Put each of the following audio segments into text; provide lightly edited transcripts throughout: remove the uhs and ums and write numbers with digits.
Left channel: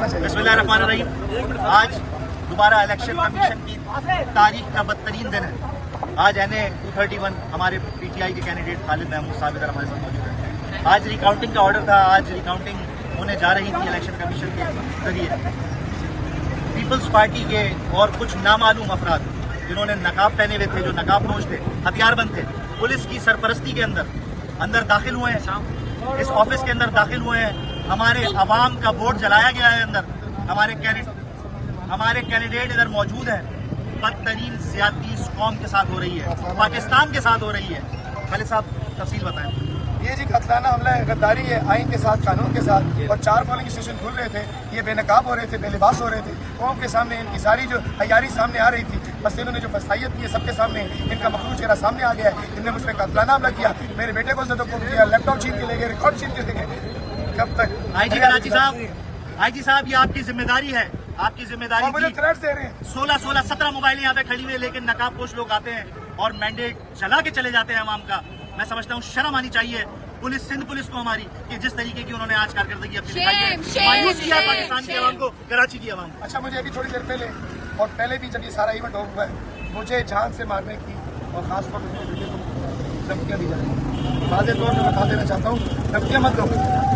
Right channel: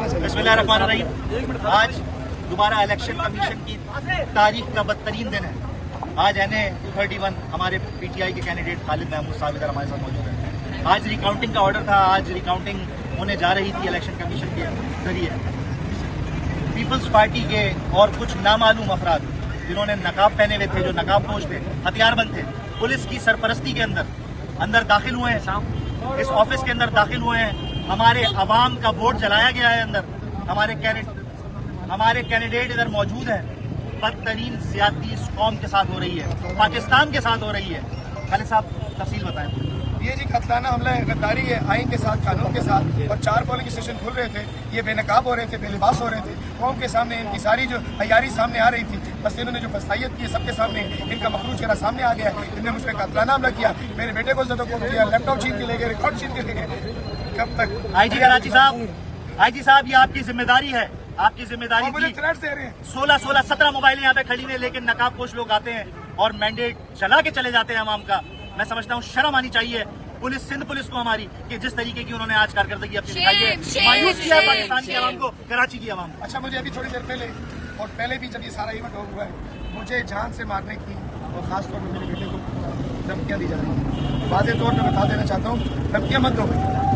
बिस्मिल्लाहिर्रहमानिर्रहीम। आज दोबारा इलेक्शन कमीशन की तारीख का बदतरीन दिन है। आज NA-31 हमारे PTI के कैंडिडेट खालिद महमूद साहब इधर हमारे साथ मौजूद हैं। आज रिकाउंटिंग का ऑर्डर था, आज रिकाउंटिंग होने जा रही थी इलेक्शन कमीशन के जरिए। पीपल्स पार्टी के और कुछ नामालूम अफराद जिन्होंने नकाब पहने हुए थे, जो नकाब नोश थे, हथियारबंद थे, पुलिस की सरपरस्ती के अंदर दाखिल हुए हैं, इस ऑफिस के अंदर दाखिल हुए हैं। हमारे अवाम का वोट जलाया गया है अंदर। हमारे कैंडिडेट इधर मौजूद है। बदतरीन ज्यादती इस कौम के साथ हो रही है, पाकिस्तान के साथ हो रही है। खालिद साहब तफसील बताएं। ये जी कतलाना हमला है, गद्दारी है आइन के साथ, कानून के साथ। और 4 पोलिंग स्टेशन खुल रहे थे, ये बेनकाब हो रहे थे, बेलिबास हो रहे थे। कौम के सामने इनकी सारी जो हयारी सामने आ रही थी, बस इन्होंने जो फसाइयत की है सबके सामने, इनका मखरूज चेहरा सामने आ गया है। इन्होंने मुझ पर कतलाना हमला किया, मेरे बेटे को किया, लैपटॉप छीन के ले गए, रिकॉर्ड छीन के ले गए। कब तक? आईजी साहब, ये आपकी जिम्मेदारी है, आपकी जिम्मेदारी। मुझे थ्रेट दे रहे हैं। 16-17 मोबाइल यहाँ पे खड़ी हुई, लेकिन नकाबपोश लोग आते हैं और मैंडेट जला के चले जाते हैं अवाम का। मैं समझता हूँ शर्म आनी चाहिए पुलिस, सिंध पुलिस को हमारी, कि जिस तरीके की उन्होंने आज कारकर्दगी अपनी दिखाई है, मायूस किया पाकिस्तान के अवाम को, कराची की अवाम को। अच्छा, मुझे अभी थोड़ी देर पहले और पहले भी जब ये सारा इवेंट हुआ है, मुझे जान से मारने की और खासतौर पर मेरे बेटे को धमकियां दी जा रही हैं। वाज़े तौर पर बता देना चाहता हूँ, धमकियां मत दो।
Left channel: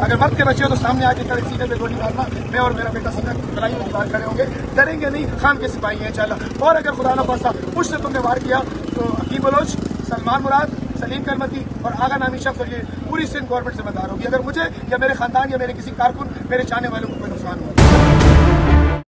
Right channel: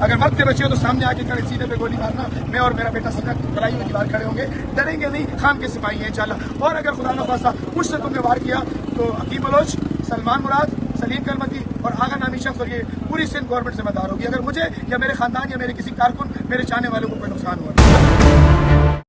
अगर मर्द के बच्चे हो तो सामने आके खड़े सीने पे गोली मारना। मैं और मेरा बेटा सीना गलाई हुई दीवार खड़े होंगे, डरेंगे नहीं, खान के सिपाही हैं इंशाल्लाह। और अगर खुदा न खास्ता मुझसे तुमने वार किया तो अकीम बलोच, सलमान मुराद, सलीम कलमती और आगा नामी शख्स और ये पूरी सिंध गवर्नमेंट जिम्मेदार होगी अगर मुझे या मेरे खानदान या मेरे किसी कारकुन, मेरे चाहने वालों को कोई नुकसान हुआ।